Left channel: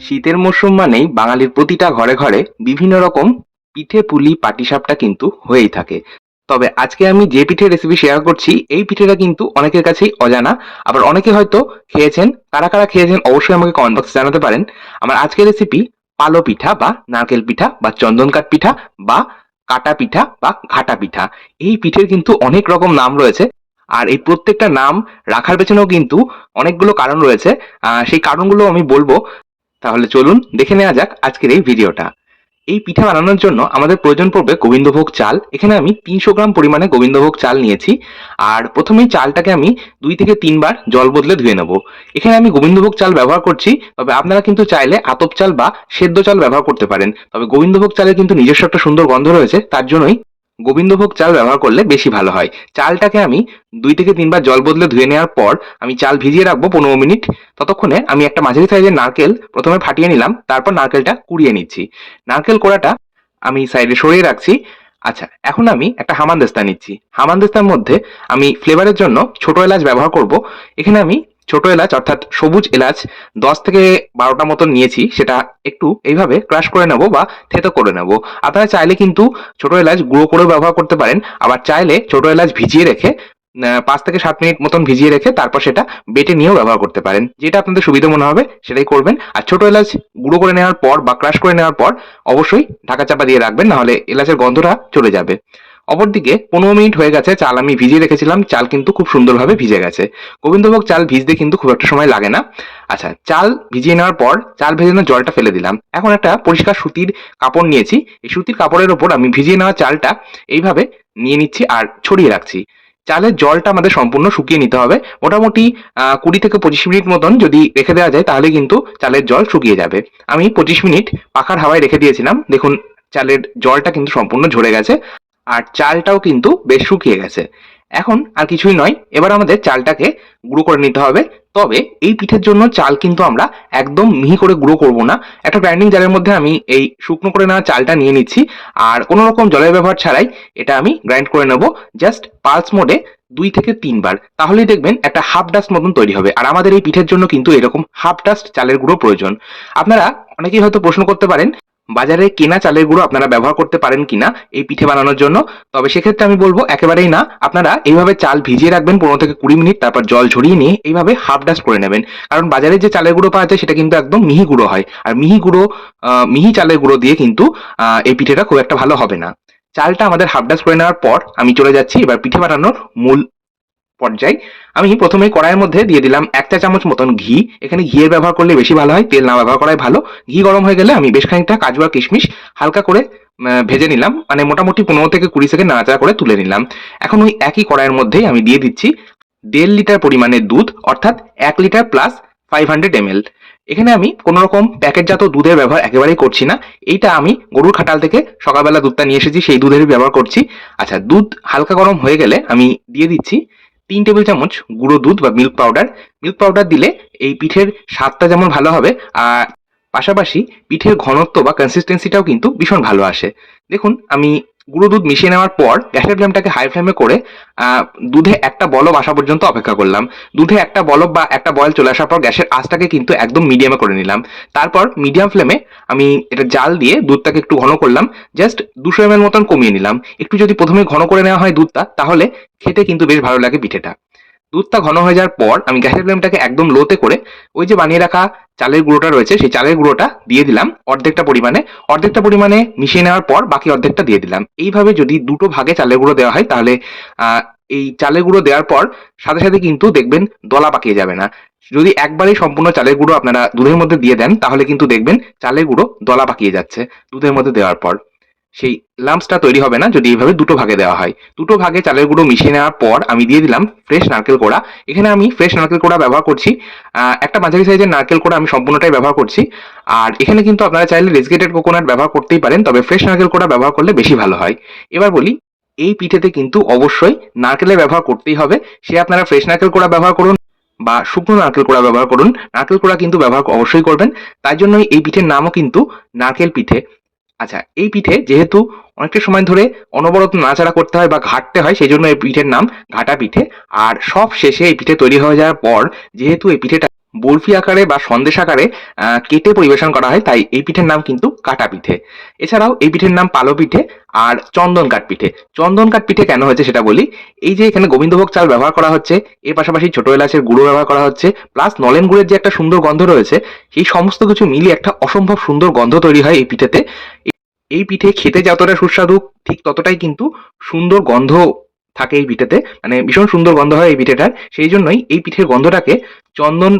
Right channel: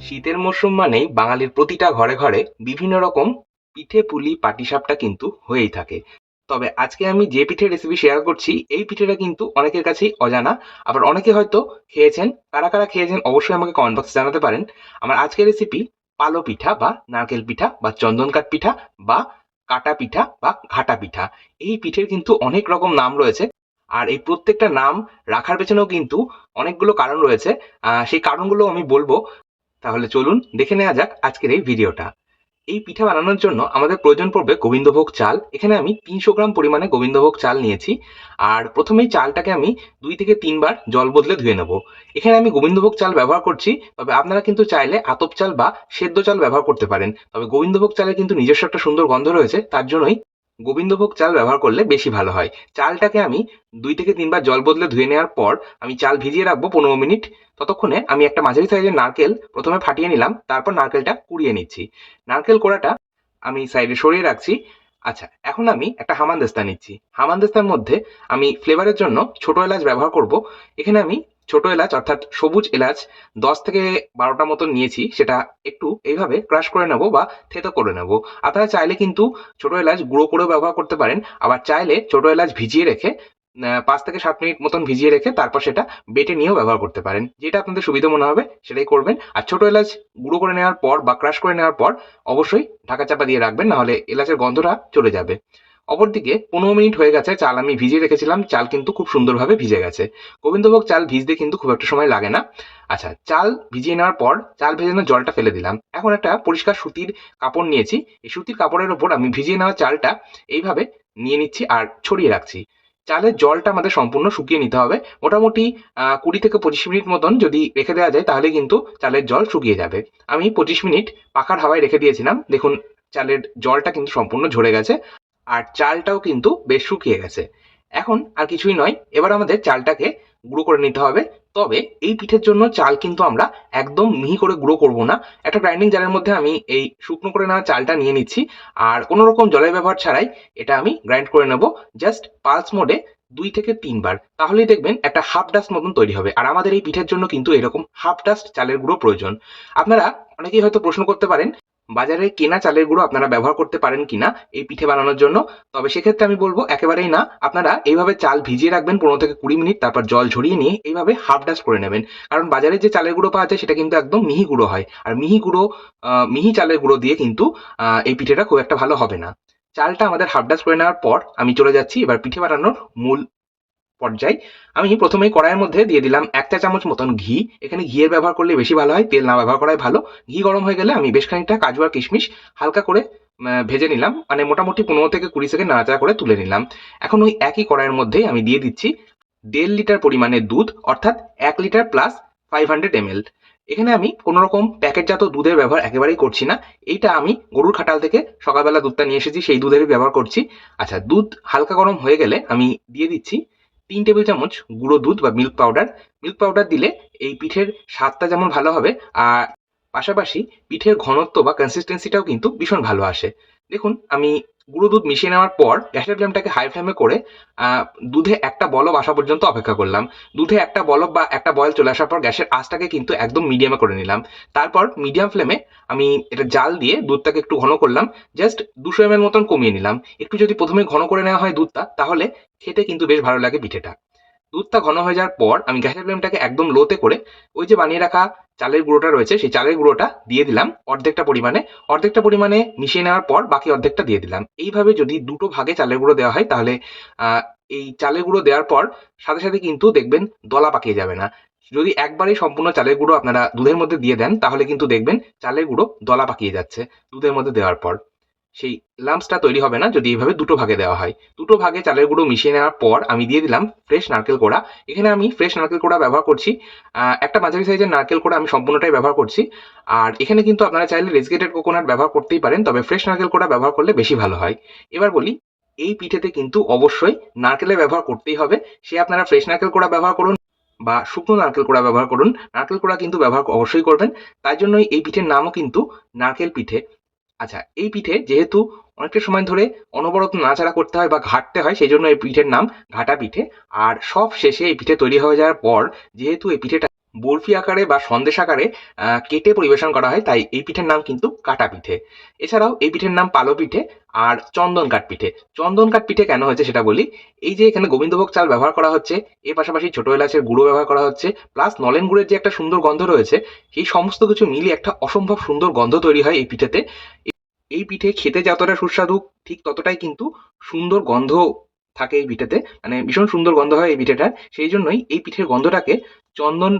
শীতের মরশুম মানেই বাঙালির প্রতিটা ঘরে ঘরে বিভিন্ন রকম পিঠে পুলি পাটিসাপটা কিন্তু হয়েই থাকে। তবে আজকে আমি যে পিঠের রেসিপি শেয়ার করছি, এই পিঠেটা কিন্তু অনেকের কাছেই অজানা। আবার অনেকে হয়তো খেয়েছেন, কারা কারা খেয়েছেন অবশ্যই আমাকে কমেন্ট বক্সে জানাতে পারেন। আমার আজকের রেসিপি পালো পিঠা বা নারকেল পিঠা বা চন্দন কাঠ পিঠা বা কাটা পিঠা বা ঘাটা পিঠা। এই পিঠের কিন্তু অনেক রকম নাম রয়েছে। আর এই প্রত্যেকটা নাম রাখার পেছনেও কিন্তু অনেকগুলো কারণ রয়েছে। সেই কারণগুলো আমি বলব। তাহলে চলুন দেখে নেওয়া যাক আজকের এই ভিডিওটা। এই পিঠা বানানোর জন্য আমাদের প্রয়োজন পড়বে গোবিন্দভোগ চাল। এখানে আমি তিনশো গ্রাম পরিমাণে গোবিন্দভোগ চাল নিয়েছি। আর প্রথমেই চালটাকে আমি দুই থেকে তিনবার জল বদলে ধুয়ে নেব। এখানে আমি গোবিন্দভোগ চাল ব্যবহার করছি, তবে আপনারা কিন্তু চাইলে আতপ চাল বা সেদ্ধ চাল ব্যবহার করতে পারেন। তবে গোবিন্দভোগ চালের কিন্তু নিজস্ব একটা সুন্দর গন্ধ রয়েছে, তার জন্যই গোবিন্দভোগ চাল ব্যবহার করলে বেশি ভালো হয়। চালটাকে আমি দুই থেকে তিনবার জল বদলে ধুয়ে নেওয়ার পর আমি চাল ভিজিয়ে রাখব পনেরো মিনিট। ততক্ষণে আমি একটা মাঝারি সাইজের নারকেল প্রথমে ফাটিয়ে নিলাম, তারপর নারকেলটা কুড়িয়ে নিচ্ছি। নারকেল কোড়াটা আমি সাইডে সরিয়ে রাখছি। আচ্ছা এখন আমি একটা হামানদিস্তা নিচ্ছি। হামানদিস্তার মধ্যে আমি ফ্লেভারের জন্য ছোট এলাচ ব্যবহার করব। এখানে আমি ছোট এলাচ, অর্থাৎ সবুজ এলাচ, দশ থেকে বারোটা মতন নিয়েছি, সেটা একটু এইভাবে ক্রাশ করে নেব বা থেতো করে নেব। আপনারা চাইলে কিন্তু ছোট এলাচ গুঁড়ো করেও ব্যবহার করতে পারেন, আবার চাইলে ছোট এলাচ ভিজিয়ে রেখে পাঁচ থেকে সাত মিনিট মতন ভিজিয়ে রেখে তারপর সেটা বেটে নিয়েও ব্যবহার করতে পারেন। যেটা আপনাদের সুবিধা মনে হবে, সেটাই করবেন। আর ছোট এলাচ গুঁড়ো করে নেওয়ার পর বা ক্রাশ করে নেওয়ার পর, অবশ্যই ঢাকা চাপা দিয়ে রাখবেন, নাহলে এলাচের গন্ধটা চলে যাবে। অপরদিকে পনেরো মিনিট হয়ে গেছে, চাল আমি ভিজিয়ে রেখেছিলাম, চাল কিন্তু খুব সুন্দরভাবে ভিজে গেছে। গোবিন্দভোগ চাল ভিজতে কিন্তু খুব একটা সময় লাগে না। আচ্ছা চাল ভিজিয়ে নেওয়ার পর চাল ভেজানোর জলটা ফেলে দিলাম। এখন একটা পরিষ্কার সুতির কাপড় নিয়েছি। এই সুতির কাপড়ের ওপর আমি ভিজিয়ে নেওয়া চালটা এইভাবে নিয়ে নিচ্ছি আর ছড়িয়ে রাখছি। চালের জলটা আমাদের সম্পূর্ণ শুকিয়ে নিতে হবে। মোটামুটি কুড়ি থেকে পঁচিশ মিনিট মতন যদি রেখে দেওয়া যায়, তাহলে কিন্তু চালের জল শুকিয়ে যাবে। আমি পঁচিশ মিনিট পাখার হাওয়ায় রেখে দিয়েছিলাম। দেখুন, চালের জলটা কিন্তু সম্পূর্ণ ঝরে গেছে। আর চালটাও কিন্তু বেশ শুকিয়ে গেছে। এখন আর কিছুই নয়, এবার আমাদের চালটাকে গুঁড়ো করে নিতে হবে। তবে এই পিঠের জন্য চাল কিন্তু আমরা একদম মিহি করে গুঁড়ো করব না। একটা গ্রাইন্ডিং জারের মধ্যে আমি এই শুকনো করে নেওয়া চালটা নিয়ে নিচ্ছি। আর কোনো রকম জলের ব্যবহার ছাড়াই এটা আমি গ্রাইন্ড করে নেব জাস্ট পালস মোডে দুই থেকে তিনবার। তাহলেই দেখবেন একটা হাফ ডাস্ট মতন তৈরি হবে। আর আমাদের এই পিঠের জন্য কিন্তু এরকম হাফ ডাস্ট চালের গুঁড়ো প্রয়োজন। আপনারা অনেকেই হয়তো প্রশ্ন করতে পারেন বাজারে কেনা চালের গুঁড়ো আপনারা ব্যবহার করতে পারেন কিনা এই পিঠে বানানোর জন্য। তবে সেক্ষেত্রে আমি বলব, একেবারেই না। আপনারা এইভাবে চাল ভিজিয়ে রাখবেন পনেরো থেকে কুড়ি মিনিট, তারপর জল ঝরিয়ে নিয়ে এইভাবে হাফ ডাস্ট করে নেবেন। কারণ বাজারে যে চালের গুঁড়ো পাওয়া যায়, সেটা কিন্তু একদম মিহি গুঁড়ো হয়। আর মিহি গুঁড়ো মিহি চালের গুঁড়ো দিয়ে কিন্তু এই পিঠেটা খুব একটা ভালো হবে না। চালটা আমাদের হাফ ডাস্ট করে নেওয়ার পর আমি চলে যাচ্ছি। এবার পিঠে বানানোর মূল পর্যায়ে, আমি প্রথমে কড়াইয়ের মধ্যে দিয়ে দিলাম এক চা চামচ মতন ঘি। এখানে ঘিয়ের ব্যবহার করলে বেশি ভালো হয়, তেল না ব্যবহার করাই ভালো। ঘি গরম হয়ে গেলে আমি বেশ খানিকটা কাজু আর কিশমিশ হালকা করে ভেজে নিলাম। মানে মোটামুটি পনেরো থেকে কুড়ি সেকেন্ড নাড়াচাড়া করে তুলে নিলাম। এখন ওই একই কড়াইয়ের মধ্যেই আমি দিয়ে দিচ্ছি দেড় লিটার পরিমাণের দুধ, অর্থাৎ এক litre plus five hundred ML এখানে আমি কোনো রকম প্যাকেটজাত দুধের ব্যবহার একেবারেই করছি না। এইটা আমি গরুর খাটাল থেকে সকালবেলা দুধটা নিয়ে এসেছি, সেই দুধেরই ব্যবহার করছি। আচ্ছা দুধ হালকা গরম হয়ে গেলে আমি দিয়ে দিচ্ছি তিন টেবিল চামচ গুঁড়ো দুধ বা মিল্ক পাউডার মিল্ক পাউডার দিলে এই পিঠের স্বাদটা যেমন ভালো হবে, আর পাশাপাশি পিঠের ঘনত্ব বা কনসিস্টেন্সিটাও কিন্তু ভীষণ ভালো আসে। দেখুন, আমি গুঁড়ো দুধ মিশিয়ে নেওয়ার পর গ্যাসের ফ্লেমটাকে হাই ফ্লেমে করে দুধে একটা বলব আসা পর্যন্ত অপেক্ষা করলাম। দুধে একটা বলব বা একটা বয়েল চলে আসার পর গ্যাসের আঁচটাকে কিন্তু একদম মিডিয়ামে করে নিলাম। তারপর মিডিয়াম ফ্লেমে আমি এটা জাল দিয়ে দুধটাকে একটু ঘন করলাম জাস্ট দুশো এম মতন কমিয়ে নিলাম। একটু যদি প্রথমে ঘন করে নেওয়া হয় দুধটা, তাহলে খেতে কিন্তু বেশ ভালো লাগে পিঠেটা। দুধটা ঘন হয়ে যাওয়ার পর আমি গ্যাসের ফ্লেমটাকে একদম লোতে করে ওই যে বানিয়ে রাখা চালের গুঁড়োটা রয়েছে, সেই চালের গুঁড়োটা দিয়ে দিলাম অর্ধেকটা পরিমাণে। অর্ধেকটা পরিমাণে মিশিয়ে নেওয়ার পর বাকি অর্ধেকটা দিয়ে দিলাম। এইভাবে যদি দুটো ভাগে চালের গুঁড়ো দেওয়া হয় তাহলে এই চালের গুঁড়ো দেওয়ার পর সাথে সাথে কিন্তু দেখবেন দলা পাকিয়ে যাবে না। যদি একবারেই সম্পূর্ণ চালের গুঁড়ো আপনারা দুধের মধ্যে দিয়ে দেন তাহলে কিন্তু দেখবেন চালের গুঁড়ো দলা পাকিয়ে যাচ্ছে দুধের মধ্যে দেওয়ার পর। সেই লাম্পসটা তৈরি হবে না যদি এইভাবে দুটো ভাগে দেওয়া হয়। দুটো ভাগে চালের গুঁড়ো মিশিয়ে নেওয়ার পর আমি দিয়ে দিলাম ফ্রেশ নারকেল কোড়া। এখানে আমি ফ্রেশ নারকেল কোড়া ব্যবহার করছি। একটা মাঝারি সাইজের নারকেল কোড়া আমি সম্পূর্ণটাই ব্যবহার করছি। আর এখানে কিন্তু আপনারা চাইলে রেসগেটেড কোকোনাট ব্যবহার করতেই পারেন, তবে ফ্রেশ নারকেল কোড়া ব্যবহার করলে বেশি ভালো হয়। এবার বলি, এই পিঠেতে কিন্তু অবশ্যই নারকেলের ব্যবহার করতেই হবে। সে আপনারা ফ্রেশ নারকেল কোড়া ব্যবহার করুন বা শুকনো নারকেল কোড়া ব্যবহার করুন। নারকেল কোড়া কিন্তু ব্যবহার অবশ্যই করবেন। তাই জন্যই এই পিঠের নামও কিন্তু নারকেল পিঠে। আচ্ছা এই পিঠে যেহেতু অনেকটা সময় ধরে অনবরত নাড়াচাড়া করতে হয় বা ঘাটতে হয়, সেই জন্য এই পিঠের নাম ঘাটা পিঠে। আর সব শেষে এই পিঠে তৈরি হয়ে যাওয়ার পর, যেহেতু এই পিঠেটা বরফি আকারে বা সন্দেশ আকারে কেটে পরিবেশন করা হয়, তাই এই পিঠের নাম কিন্তু কাটা পিঠে। এছাড়াও এই পিঠের নাম পালো পিঠে আর চন্দন কাঠ পিঠে। চন্দন কাঠ পিঠে কেন হয়েছে সেটা বলি? এই যে এখানে গোবিন্দভোগ চাল ব্যবহার করা হচ্ছে, এর পাশাপাশি ছোট এলাচের গুঁড়ো ব্যবহার করা হচ্ছে, প্লাস নলেন গুড়ের যে একটা সুন্দর গন্ধ রয়েছে, সেই সমস্ত কিছু মিলিয়ে একটা অসম্ভব সুন্দর গন্ধ তৈরি হয় এই পিঠেতে। এই পিঠে খেতে যতটা সুস্বাদু, ঠিক ততটাই কিন্তু সুন্দর গন্ধ থাকে এই পিঠেতে মানে ভীষণ সুন্দর গন্ধ হয় এই পিঠেটার। সেই জন্যই এই পিঠের গন্ধটাকে চন্দন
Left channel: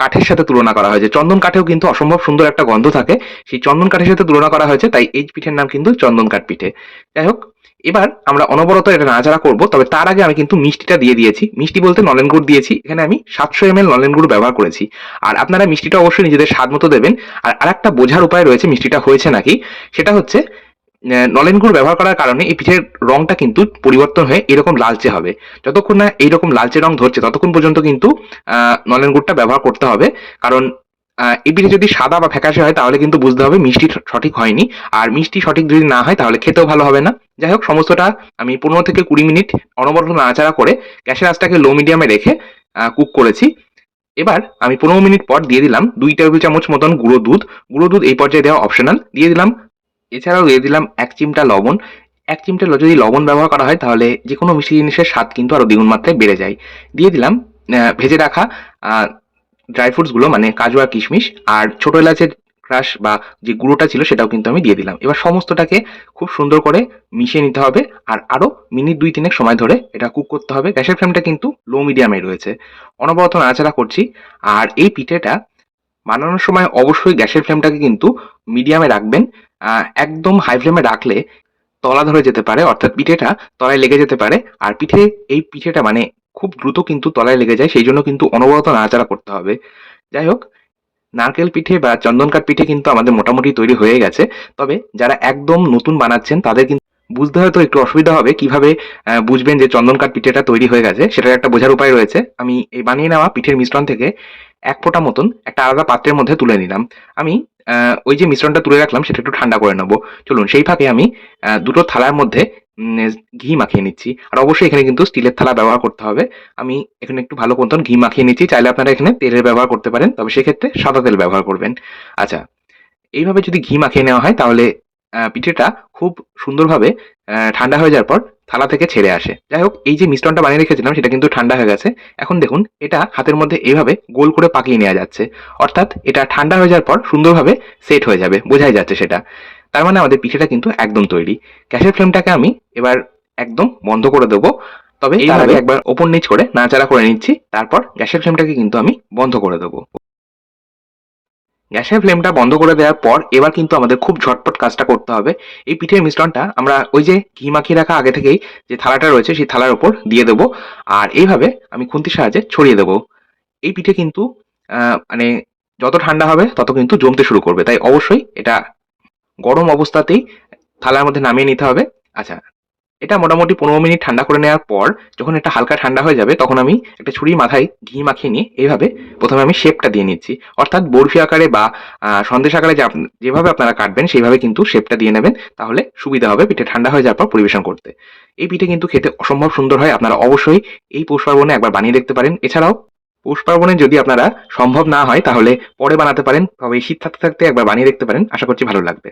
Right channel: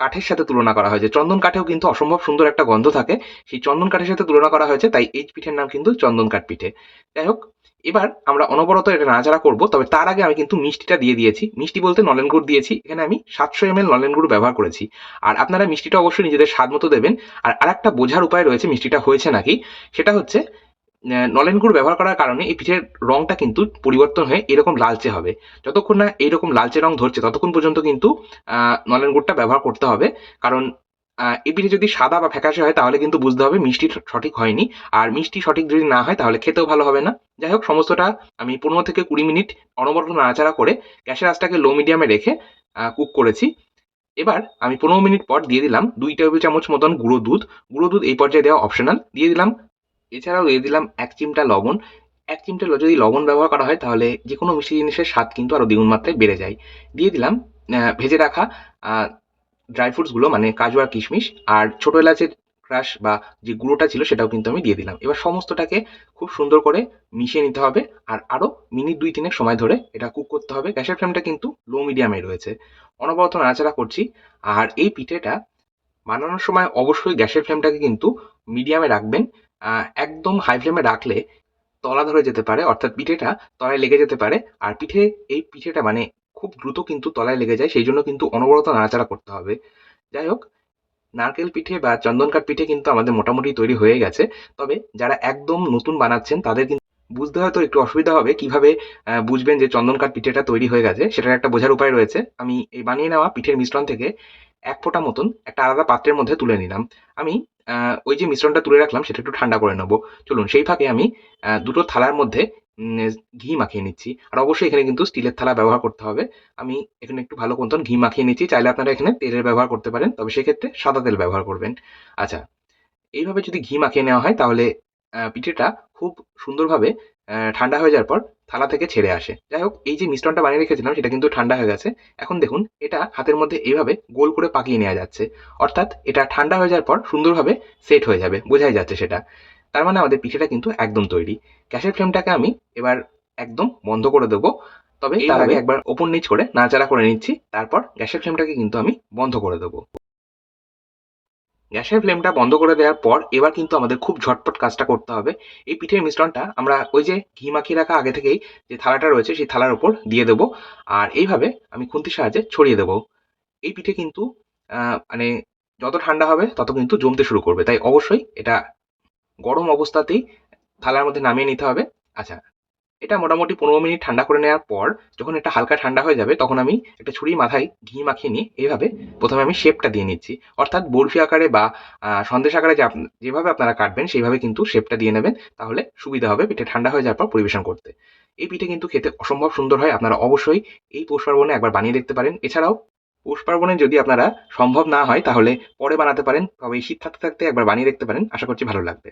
কাঠের সাথে তুলনা করা হয়েছে চন্দন কাঠেও কিন্তু অসম্ভব সুন্দর একটা গন্ধ থাকে। সেই চন্দন কাঠের সাথে তুলনা করা হয়েছে, তাই এই পিঠের নাম কিন্তু চন্দন কাঠ পিঠে। যাই হোক, এবার আমরা অনবরত এটা নাড়াচাড়া করব, তবে তার আগে আমি কিন্তু মিষ্টিটা দিয়ে দিয়েছি। মিষ্টি বলতে নলেন গুড় দিয়েছি, এখানে আমি সাতশো এম এল নলেন গুড় ব্যবহার করেছি। আর আপনারা মিষ্টিটা অবশ্যই নিজেদের স্বাদ মতো দেবেন। আর আরেকটা বোঝার উপায় রয়েছে, মিষ্টিটা হয়েছে নাকি? সেটা হচ্ছে নলেন গুড় ব্যবহার করার কারণে এই পিঠের রংটা কিন্তু পরিবর্তন হয়ে এরকম লালচে হবে। যতক্ষণ না এইরকম লালচে রং ধরছে, ততক্ষণ পর্যন্ত কিন্তু নলেন গুড়টা ব্যবহার করতে হবে। কারণ এই পিঠে যদি সাদা বা ফ্যাকাশে হয়, তাহলে কিন্তু বুঝতে হবে মিষ্টি সঠিক হয়নি। আর মিষ্টি সঠিক যদি না হয়, তাহলে খেতেও ভালো হবে না। যাই হোক, সমস্তটা আমি পনেরো থেকে কুড়ি মিনিট অনবরত নাড়াচাড়া করে গ্যাসের আঁচটাকে লো মিডিয়ামে রেখে কুক করেছি। এবার আমি পনেরো মিনিট পর দিয়ে দিলাম দুই টেবিল চামচ মতন গুঁড়ো দুধ। গুঁড়ো দুধ এই পর্যায়ে দেওয়া অপশনাল দিয়ে দিলাম এছাড়াও দিয়ে দিলাম এক চিমটা লবণ। এক চিমটা যদি লবণ ব্যবহার করা হয়, তাহলে যে কোনো মিষ্টি জিনিসের স্বাদ কিন্তু আরও দ্বিগুণ মাত্রায় বেড়ে যায়। দিয়ে দিলাম ভেজে রাখা ড্রাই ফ্রুটসগুলো মানে কাজু আর কিশমিশ আর ছোটো এলাচের ক্রাশ বা যে গুঁড়োটা ছিল, সেটাও কিন্তু আমি দিয়ে দিলাম। এবার সমস্তটাকে খুব সুন্দর করে মিশিয়ে নিতে হবে আর আরও মিনিট দুই তিনেক সময় ধরে এটা কুক করতে হবে। গ্যাসের ফ্লেমটা কিন্তু লো মিডিয়ামে রয়েছে। অনবরত নাড়াচাড়া করছি। আর এই পিঠেটা বানানোর সময় অবশ্যই গ্যাসের ফ্লেমটাকে কিন্তু মিডিয়ামে রাখবেন। একদম হাই ফ্লেমে রাখলে তলা ধরে যেতে পারে, অর্থাৎ পিঠেটা তলায় লেগে যেতে পারে। আর পিঠে, এই পিঠেটা মানে খুব দ্রুত কিন্তু তলায় লেগে যায়, সেই জন্য কিন্তু অনবরত নাড়াচাড়া করতে হবে। যাই হোক, নারকেল পিঠে বা চন্দনকাঠ পিঠে কিন্তু আমাদের মোটামুটি তৈরি হয়ে গেছে। তবে যারা একদম নতুন বানাচ্ছেন, তাদের কিন্তু বুঝতে হয়তো একটু অসুবিধা হবে। কীভাবে বুঝবেন যে চন্দনকাঠ পিঠেটা তৈরি হয়ে গেছে, সেটার একটা বোঝার উপায় রয়েছে। আমি এই বানিয়ে নেওয়া পিঠের মিশ্রণ থেকে এক ফোঁটা মতন একটা আলাদা পাত্রের মধ্যে তুলে নিলাম। আমি ওই যে মিশ্রণটা তুলে রাখলাম, সেটা একটু ঠান্ডা করে নেব। চলুন, সেই ফাঁকে আমি দুটো থালার মধ্যে ঘি মাখিয়ে নিচ্ছি। আর অবশ্যই এখানে কিন্তু স্টিলের থালা ব্যবহার করতে হবে। আমি এখানে একটু ভালো মতন ঘি মাখিয়ে নিচ্ছি। চাইলে আপনারা এখানে তেলের ব্যবহার করতে পারেন, তবে সেক্ষেত্রে সাদা তেল ব্যবহার করবেন। আচ্ছা এইভাবে যদি ঘি মাখিয়ে নেওয়া হয়, তাহলে পিঠেটা খুব সুন্দরভাবে ঠান্ডা হয়ে যাওয়ার পর থালা থেকে ছেড়ে আসে। যাই হোক এই যে মিশ্রণটা বানিয়ে রেখেছিলাম সেটা কিন্তু ঠান্ডা হয়ে গেছে। এখন দেখুন এটা হাতের মধ্যে এইভাবে গোল করে পাকিয়ে নেওয়া যাচ্ছে। অর্থাৎ এটা ঠান্ডা হয়ে যাওয়ার পর সুন্দরভাবে সেট হয়ে যাবে বোঝাই যাচ্ছে সেটা। তার মানে আমাদের পিঠেটা কিন্তু একদম তৈরি। গ্যাসের ফ্লেমটাকে আমি এবার একদম বন্ধ করে দেবো। তবে আগে একবার ওপর নিচ করে নাড়াচাড়া করে নিচ্ছি। তারপর গ্যাসের ফ্লেমটাকে কিন্তু আমি বন্ধ করে দেবো। গ্যাসের ফ্লেমটা বন্ধ করে দেওয়ার পর এবার কিন্তু আমাদের খুব ঝটপট কাজটা করতে হবে। এই পিঠের মিশ্রণটা আমরা ওই যে ঘি মাখিয়ে রাখা আগে থেকেই যে থালাটা রয়েছে সেই থালার ওপর দিয়ে দেবো। আর এইভাবে আমি খুন্তির সাহায্যে ছড়িয়ে দেবো। এই পিঠে কিন্তু মানে যত ঠান্ডা হবে তত কিন্তু জমতে শুরু করবে। তাই অবশ্যই এটা গরম অবস্থাতেই থালার মধ্যে নামিয়ে নিতে হবে। আচ্ছা এটা মোটামুটি পনেরো মিনিট ঠান্ডা করে নেওয়ার পর যখন এটা হালকা ঠান্ডা হয়ে যাবে, তখন আমি একটা ছুরি মাথায় ঘি মাখিয়ে নিয়ে এইভাবে প্রথমে আমি শেপটা দিয়ে নিচ্ছি। অর্থাৎ বরফি আকারে বা সন্দেশ আকারে যেভাবে আপনারা কাটবেন, সেইভাবে কিন্তু শেপটা দিয়ে নেবেন, তাহলে সুবিধা হবে পিঠে ঠান্ডা হয়ে যাওয়ার পর পরিবেশন করতে। এই পিঠে কিন্তু খেতে অসম্ভব সুন্দর হয়, আপনারা অবশ্যই এই পৌষ পার্বণে একবার বানিয়ে দেখতে পারেন। এছাড়াও, পৌষ পার্বণে যদি আপনারা সম্ভব না হয়, তাহলে পরে বানাতে পারেন, তবে শীত থাকতে থাকতে একবার বানিয়ে দেখতে পারেন, আশা করছি ভালো লাগবে।